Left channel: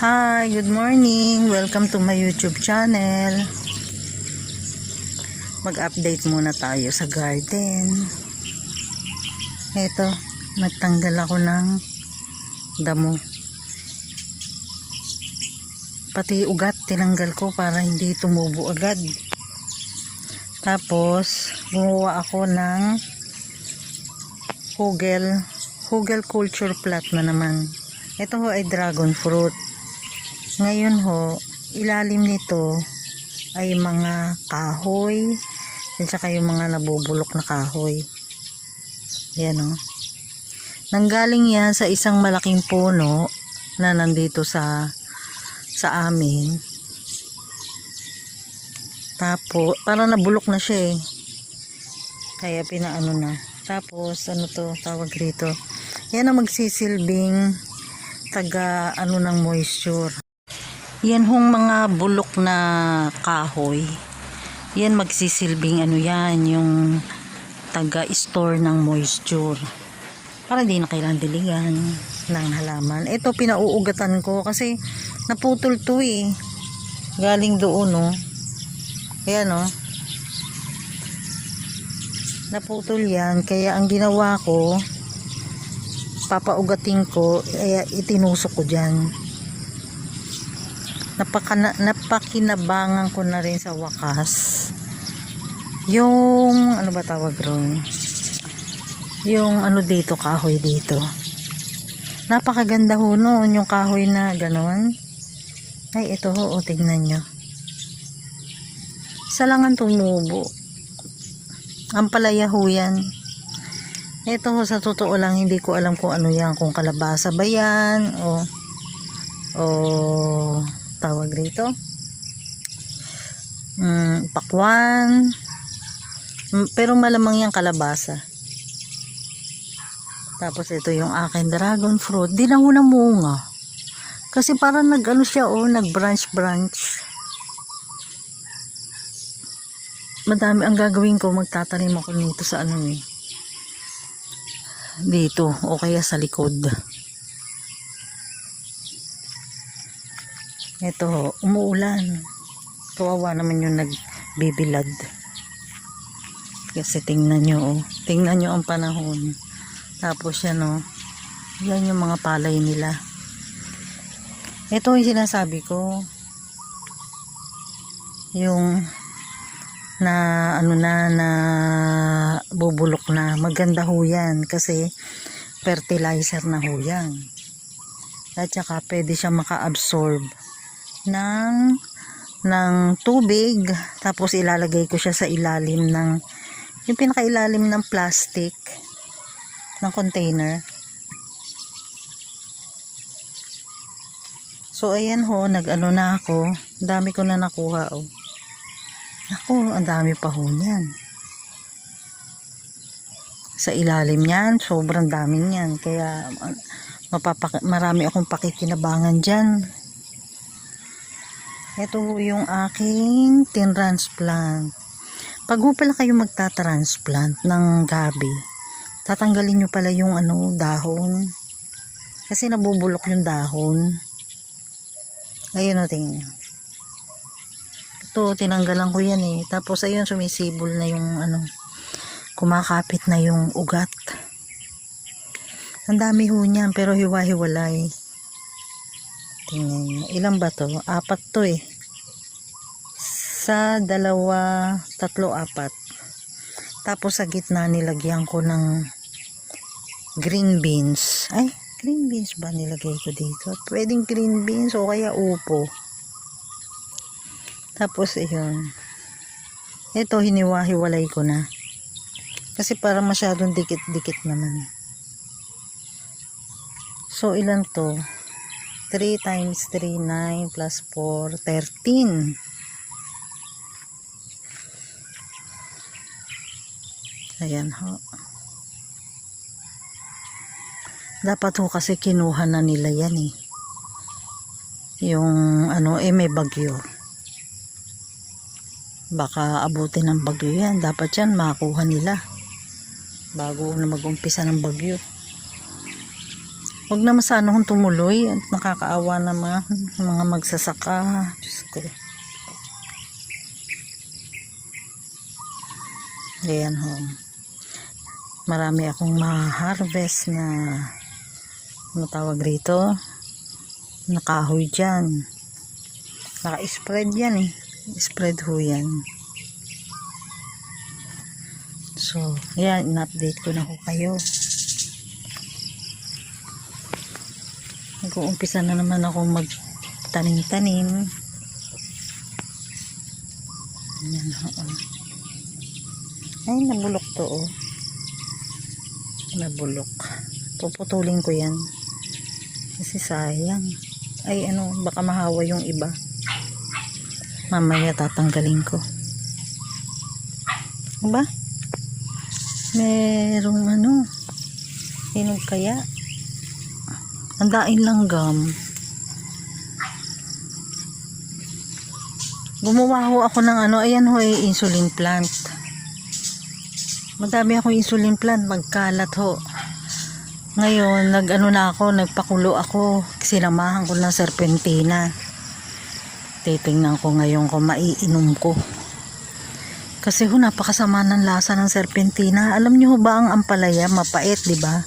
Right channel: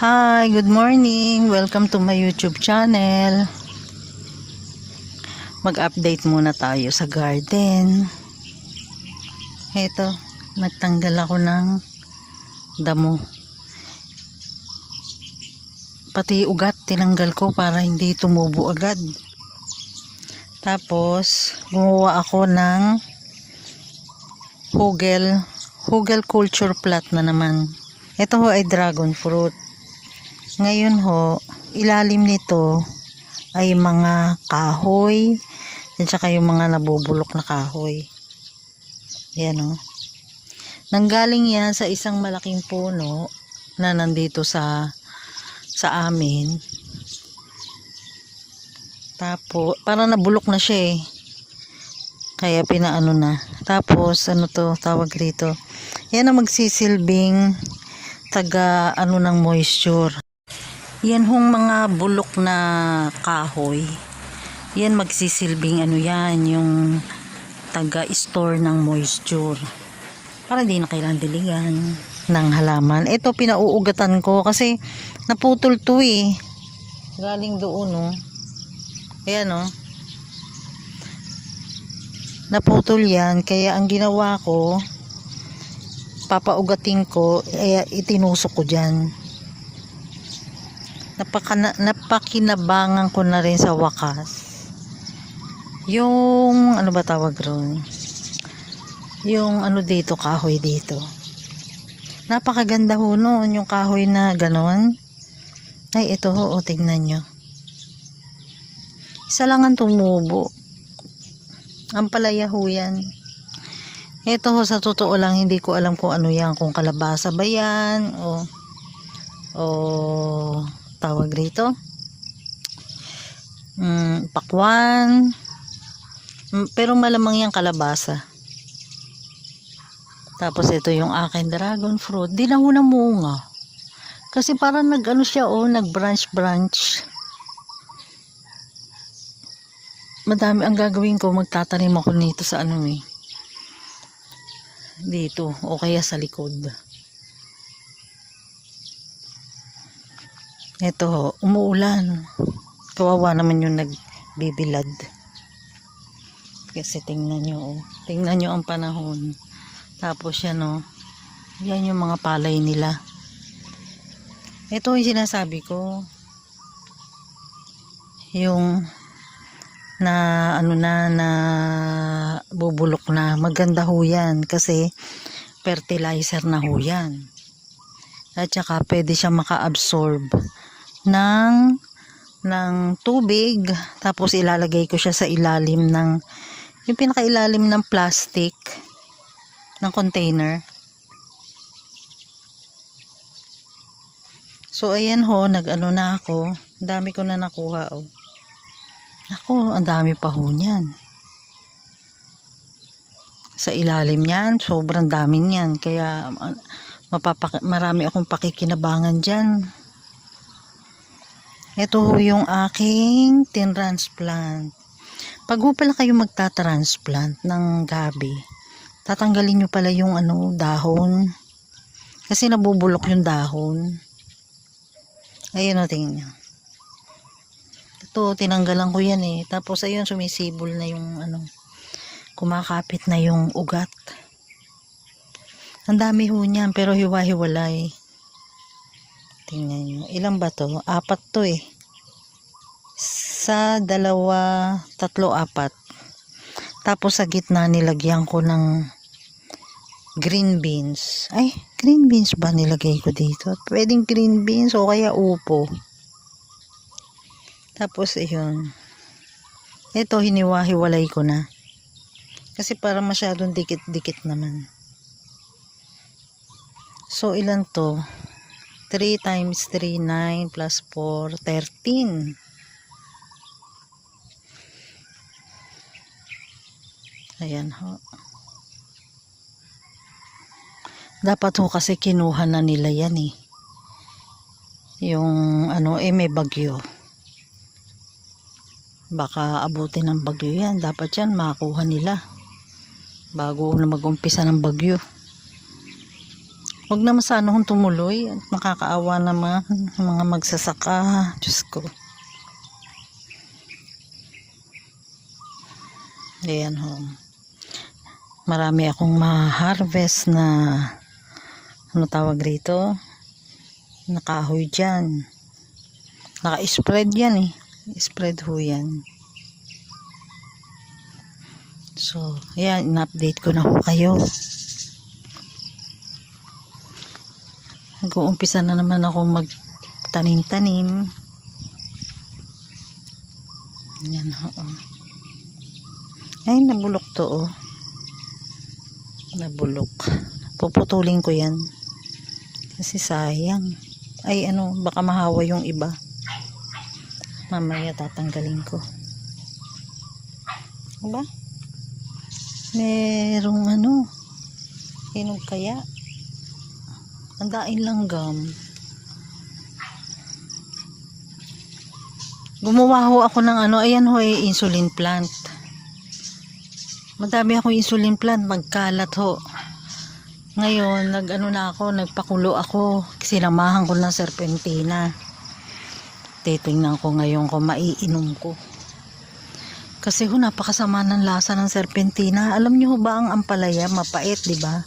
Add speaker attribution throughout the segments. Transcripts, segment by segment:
Speaker 1: Hi, good morning. Welcome to my YouTube channel. Mag-update muna tayo sa garden. Ito, nagtanggal ako ng damo. Pati ugat tinanggal ko para hindi tumubo agad. Tapos, gumawa ako ng hugel, hugel culture plant na naman. Ito ho ay dragon fruit. Ngayon ho, ilalim nito ay mga kahoy at saka yung mga nabubulok na kahoy. Yan o. Nanggaling yan sa isang malaking puno na nandito sa sa amin. Tapos, parang nabulok na siya eh. Kaya pinaano na. Tapos, ano to, tawag rito. Yan ang magsisilbing taga ano ng moisture. Yan hong mga bulok na kahoy. Yan magsisilbing ano yan, yung taga-store ng moisture. Para hindi na kailangan diligan ng halaman. Ito pinauugatan ko kasi naputol to eh. Galing doon no. Ayan no. Naputol yan. Kaya ang ginawa ko, papaugatin ko, kaya itinusok ko dyan napakana, napakinabangan ko na rin sa wakas. Yung ano ba tawag ron? Yung ano dito kahoy dito. Napakaganda ho noon yung kahoy na ganon. Ay ito ho o tignan nyo. Isa lang ang tumubo. Ang palaya ho yan. Ito ho sa totoo lang hindi ko alam kung ano yan kung kalabasa ba yan o o rito mm, pakwan. Mm, pero malamang yung kalabasa. Tapos ito yung akin dragon fruit. Di na ho namunga kasi parang nag ano siya oh nag branch branch madami ang gagawin ko. Magtatanim ako nito sa ano eh. Dito o kaya sa likod Ito umuulan. Kawawa naman yung nagbibilad. Kasi tingnan nyo, oh. tingnan nyo ang panahon. Tapos yan oh, yan yung mga palay nila. Ito yung sinasabi ko. Yung na ano na na bubulok na maganda ho yan kasi fertilizer na ho yan at saka pwede siya maka-absorb ng ng tubig tapos ilalagay ko siya sa ilalim ng yung pinakailalim ng plastic ng container. So ayan ho nag ano na ako. Dami ko na nakuha oh. Ako ang dami pa ho niyan. Sa ilalim niyan sobrang daming yan kaya uh, mapapak marami akong pakikinabangan dyan ito yung aking tin-transplant. Pag ho pala kayo magta-transplant ng gabi, tatanggalin nyo pala yung ano, dahon. Kasi nabubulok yung dahon. Ayun o, tingin nyo. Ito, tinanggalan ko yan eh. Tapos ayun, sumisibol na yung ano, kumakapit na yung ugat. Ang dami ho niyan, pero hiwa-hiwalay. Tingnan nyo. Ilan ba to? Apat to eh. Sa dalawa, tatlo, apat. Tapos sa gitna nilagyan ko ng green beans. Ay, green beans ba nilagay ko dito? Pwedeng green beans o kaya upo. Tapos yun. Ito, hiniwa-hiwalay ko na. Kasi para masyadong dikit-dikit naman. So, ilan to? 3 times 3, 9 plus 4, 13. Ayan ho. Dapat ho kasi kinuha na nila yan eh. Yung ano eh may bagyo. Baka abutin ng bagyo yan. Dapat yan makuha nila. Bago na mag-umpisa ng bagyo. Huwag naman sana kung tumuloy. Nakakaawa naman mga magsasaka. Diyos ko. Ayan ho. Marami akong ma-harvest na ano tawag rito? Nakahoy dyan. Naka-spread yan eh. Spread ho yan. So, yan. In-update ko na ho kayo. Nag-uumpisa na naman ako magtanim-tanim. Yan ho. oh. Ay, nabulok to oh. Nabulok. Puputulin ko yan. Kasi sayang. Ay, ano, baka mahawa yung iba. Mamaya tatanggalin ko. Diba? Merong ano, hinog kaya. Ang daing langgam. Gumawa ho ako ng ano, ayan ho ay insulin plant. Madami ako insulin plant, magkalat ho. Ngayon, nag-ano na ako, nagpakulo ako. Sinamahan ko ng serpentina. Titingnan ko ngayon kung maiinom ko. Kasi ho, napakasama ng lasa ng serpentina. Alam niyo ba ang ampalaya, mapait, di ba?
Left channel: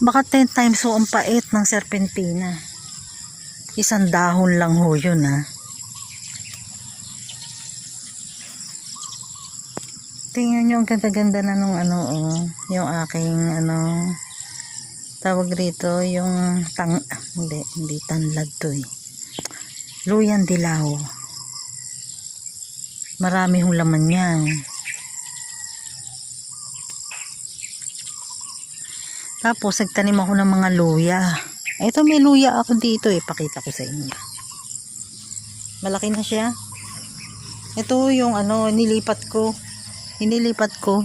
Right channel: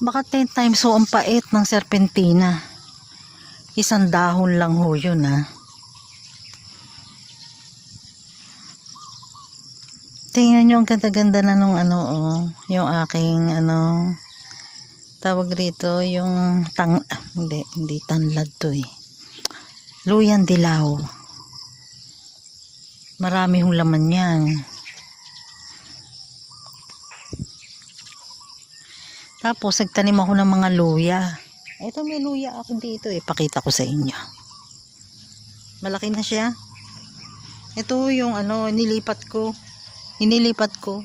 Speaker 1: Baka 10 times ho ang pait ng serpentina. Isang dahon lang ho yun, ha. Tingnan nyo ang ganda-ganda na nung ano, oh, yung aking, ano, tawag rito, yung tang, ah, hindi, hindi tanlad to eh. Luyan dilaw. Marami hong laman yan. Tapos, nagtanim ako ng mga luya. Ito, may luya ako dito eh. Pakita ko sa inyo. Malaki na siya. Ito yung ano, nilipat ko. Inilipat ko.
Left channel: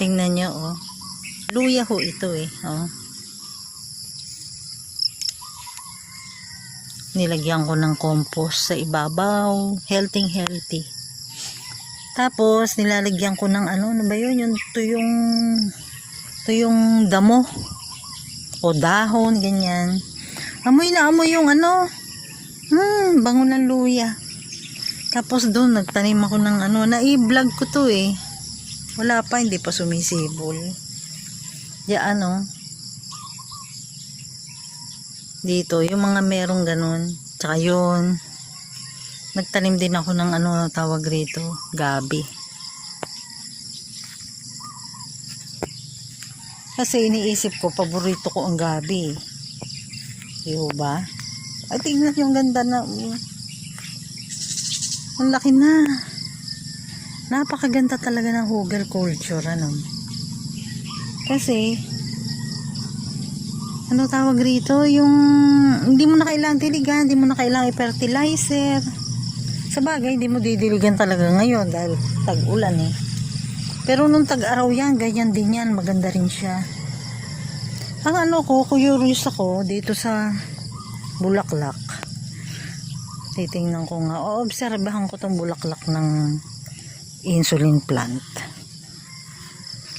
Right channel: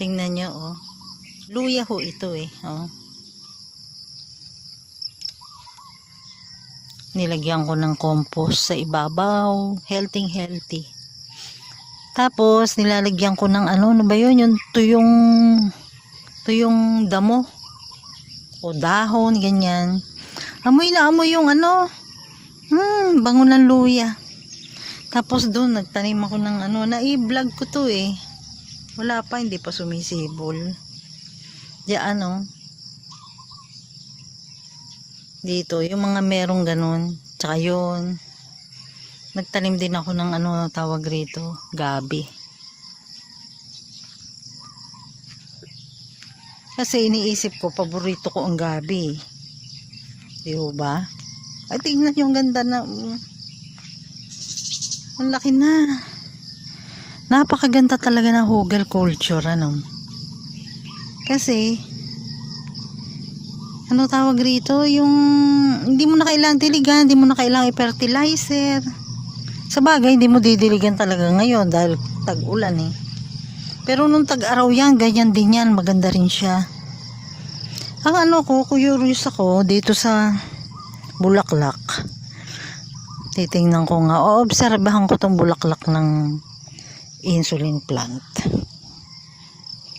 Speaker 1: Tingnan nyo, oh. Luya ho ito eh, oh. Nilagyan ko ng compost sa ibabaw. Healthy, healthy. Tapos, nilalagyan ko ng ano, ano ba yun? Yung tuyong, tuyong damo. O dahon, ganyan. Amoy na amoy yung ano. Hmm, bango ng luya. Tapos doon, nagtanim ako ng ano, na-i-vlog ko to eh. Wala pa, hindi pa sumisibol. Diyan ano. Dito, yung mga merong ganun. Tsaka yun. Nagtanim din ako ng ano tawag rito, gabi. Kasi iniisip ko, paborito ko ang gabi. Di ba? Ay, tingnan yung ganda na. Ang laki na. Napakaganda talaga ng hugel culture, ano. Kasi, ano tawag rito, yung hindi mo na kailangan diligan, hindi mo na kailangan i-fertilizer. Sa bagay, hindi mo didiligan talaga ngayon dahil tag-ulan eh. Pero nung tag-araw yan, ganyan din yan, maganda rin siya. Ang ano ko, curious ako dito sa bulaklak. Titingnan ko nga, o obserbahan ko tong bulaklak ng insulin plant.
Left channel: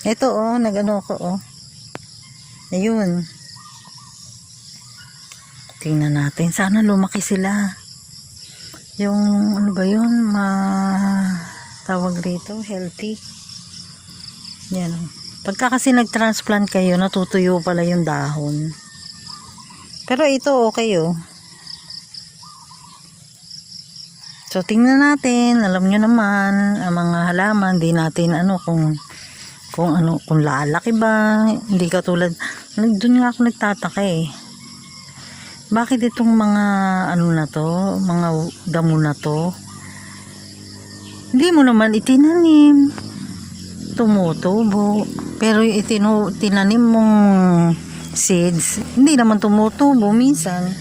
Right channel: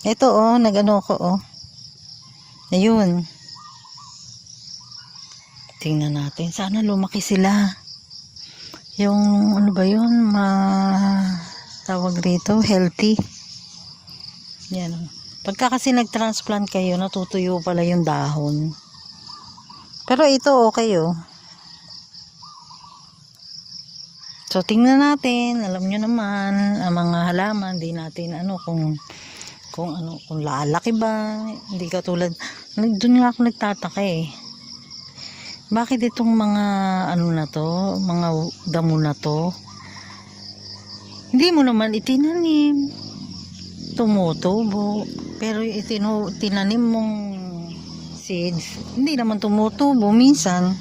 Speaker 1: Ito oh, nagano ko oh. Ayun. Tingnan natin. Sana lumaki sila. Yung ano ba yun? Ma tawag rito, healthy. Yan. Pagka kasi nag-transplant kayo, natutuyo pala yung dahon. Pero ito okay oh. So tingnan natin, alam nyo naman, ang mga halaman, di natin ano kung kung ano, kung lalaki ba, hindi katulad, doon nga ako nagtataka eh. Bakit itong mga ano na to, mga damo na to, hindi mo naman itinanim, tumutubo, pero itino, tinanim mong seeds, hindi naman tumutubo minsan.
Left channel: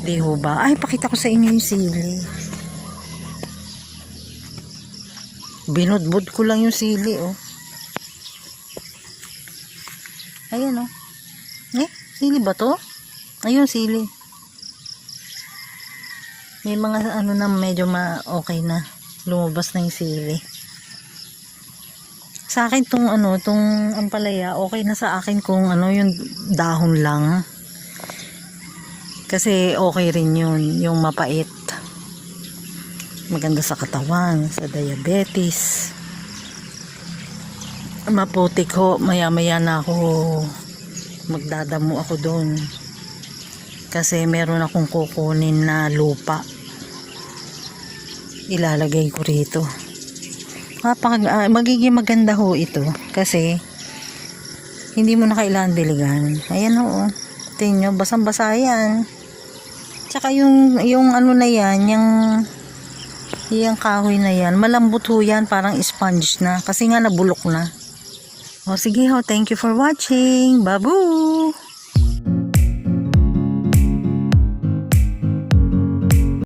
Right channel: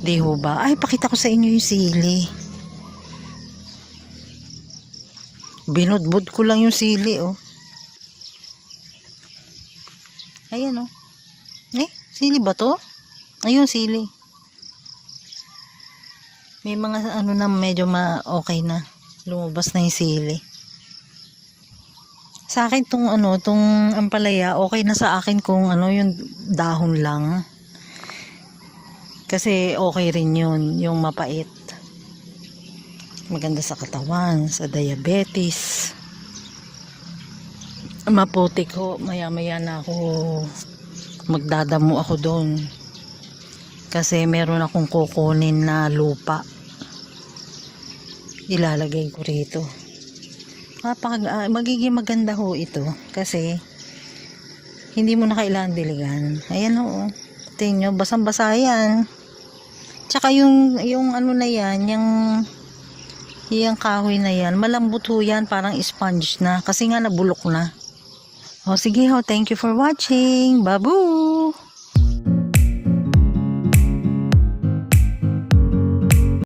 Speaker 1: Di ho ba? Ay, pakita ko sa inyo yung sili. Binudbud ko lang yung sili, oh. Ayan, oh. Eh, sili ba to? Ayun, sili. May mga ano na medyo ma okay na. Lumabas na yung sili. Sa akin tong ano, tong ampalaya, okay na sa akin kung ano yung dahon lang. Kasi okay rin yun, yung mapait. Maganda sa katawan, sa diabetes. Maputik ho, maya maya na ako magdadamo ako doon. Kasi meron akong kukunin na lupa. Ilalagay ko rito. Kapag, ah, magiging maganda ho ito kasi hindi mo na kailangan diligan. Ayan ho. Tingnan nyo, basang-basa yan. Tsaka yung, yung ano na yan, yung, yung kahoy na yan, malambot ho yan, parang sponge na. Kasi nga nabulok na. O sige ho, thank you for watching. Babu!